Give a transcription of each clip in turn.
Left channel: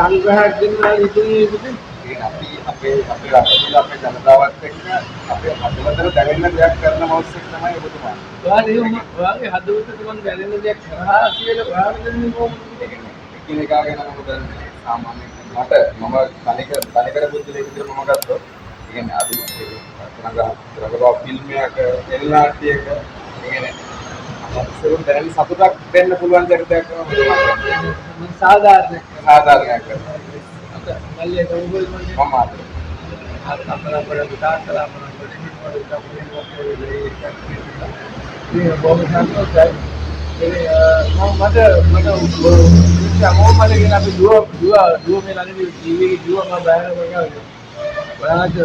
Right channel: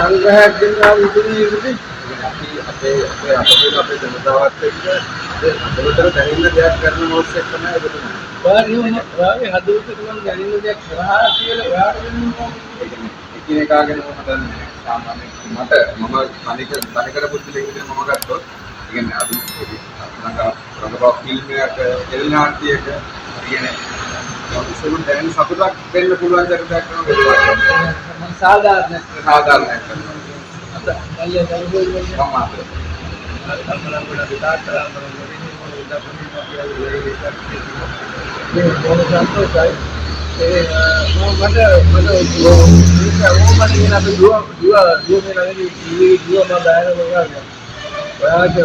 සංග්‍රහයක් දෙන්නවා ඉතින් අපේ අපේ ජනතාවත් එක්ක අපේ හදවතට දැනෙන දෙයක් කරන මොහොත් එක්ක තමයි ඔබතුමා. ඔයාගේ හදවතට මම දැනෙන දෙයක් කරහා කියලා ඔයාට දෙන්නේ කොහොමද? ඒ කියන්නේ එකිනෙකා ගැන මම දන්නේ සාමාන්‍යයෙන් මම තනිකර බුද්ධිලේ විදිහට මම ගත්තොත් ඒ කියන්නේ අද රඟපාව ෆිල්ම් එකක එල්නාටියක ඒ කියන්නේ අපිට දැන් සතුටක් දෙන්න පුළුවන් චරිතයක් කරනවා මම සාධාරණයක් කරනවා. අත අයියා දරුවෝ මම ආතේ. අපරා අපරා විතාකලා මම මේ බොහොම සතුටුයි. මට කියන අපි දුව මේ ළඟදී ජීවිතේ දුව මම බෑන කරනවා. ඔයාට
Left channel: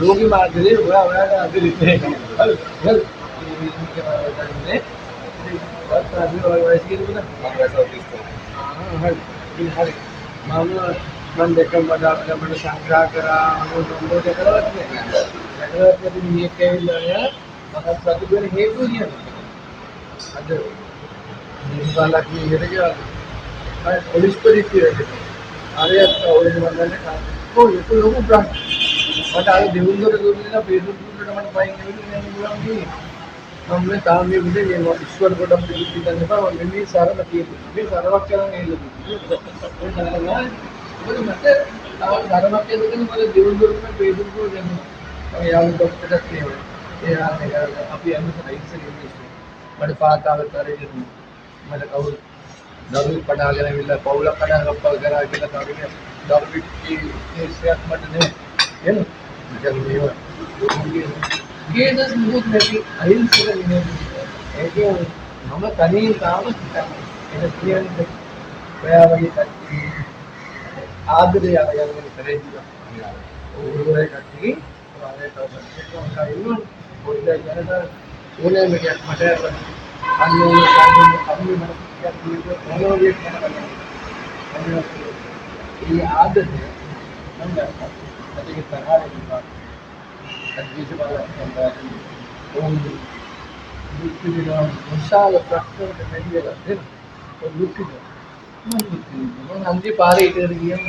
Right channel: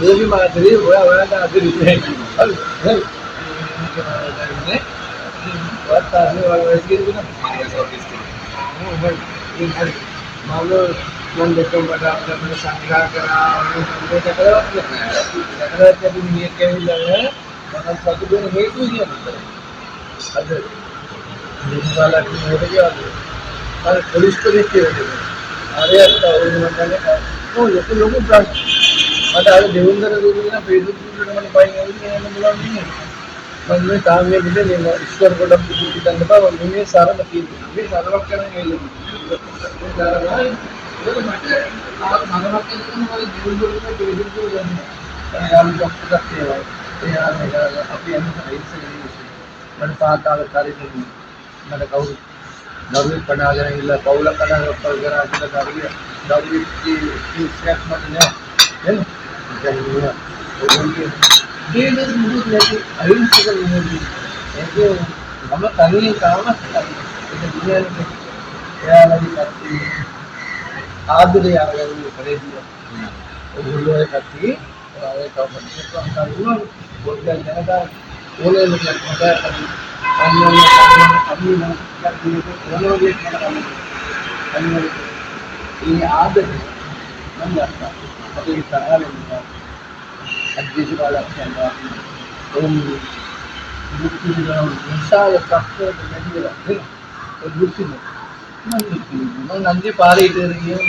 ලෝකෙ මාතරේ ඔයාට අදිරිත් නැහැ. හරි. හරි. වත් ආදී වගේ කියන මම සෞතිස්ත. හරි. මම දෙකම අපිට සංග්‍රහ කරා මොකද දැකලවත් නැහැ. දැකලවත් අපි මිනිහෙක් ඇවිල්ලා මම සතුටු වෙන හේතුව කියන්නේ. අද නිවාලා කියන එක කියන්නේ. අර පොලිස් පොලිසිය ආරයට ඕන මන්දනේ ලොකු ප්‍රශ්න. මට අර දෙවුන්දර දුන්නා Facebook වලට මම පයින් ඇවිල්ලා යන්න බලන්න කියන්නේ. මම මේ තාම මේ විදිහේ ඉස්වර පොඩක් පිටි ගන්න බෑ මම මේ සරම තියෙනවා. මේ සරමක් කරන් ඇවිල්ලා. මට සරමක් දෙකකින් මම දෙවුන්දරට Facebook වල ගන්නවා. යාළු ડોක්ටර් එකක් තියෙනවා. ඒ අපි යන්නේ රයිට්ස් එකේ ඉන්නේ. මට පාතාල කාර්යයෙන් මට කවුරු දරුවෙක් පඩාගෙන ඉල්ල පවුලක් කඩාගත්තා කරා කියලා කරුවේ දරුවෙක් ඉස්සයක් මත නෑ එන්න දැන් මේ ගේදස් මුදුත් නැති අහිංසක නියෝගී ඒකේ මම තනියෙන් කාම ඒක කියන්නේ එයා වගේ කට්ටිය ආදරය ආගමනේ කරේ දිනවා ඔයගොල්ලෝ ඒ කට්ටිය ඔයාලේ තව පොඩ්ඩක් ඉන්නවා පොඩ්ඩක් ජනතා ඕනෙම දෙයක් මට අන්නෝන අපි මම කියන්නේ මොනෝගේ කරන්නේ ඒ ආදරය මම දැක්කා අපි තරහලෙන් අධිශ කාලයක් යනවා දුක්ඛ විඳින විශාල ප්‍රශ්නයක් නැතිලා නේ දුක්ඛ මම නන්දි පාරේ ඉතර ගියම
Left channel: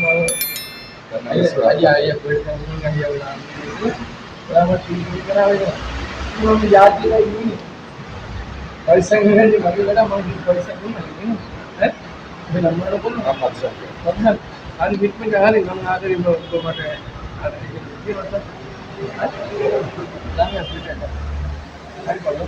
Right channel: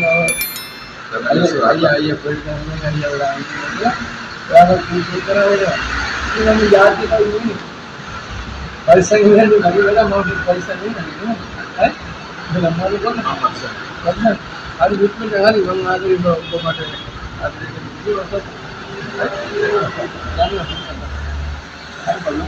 අයියා පොඩ්ඩක් මම ගියා ඔයාලා කීකේ කරා වෙනවා මම යාත්‍රිකයි නෙමෙයි पैसा नहीं है अभी बेटा मैं पैसा नहीं है हैं मैं लम्बा लोग ना මම මත්සන්. मतलब हर बीच में जगह नहीं मंगा दे तो माटे आदमी के लिए मतलब जाने हर बोलो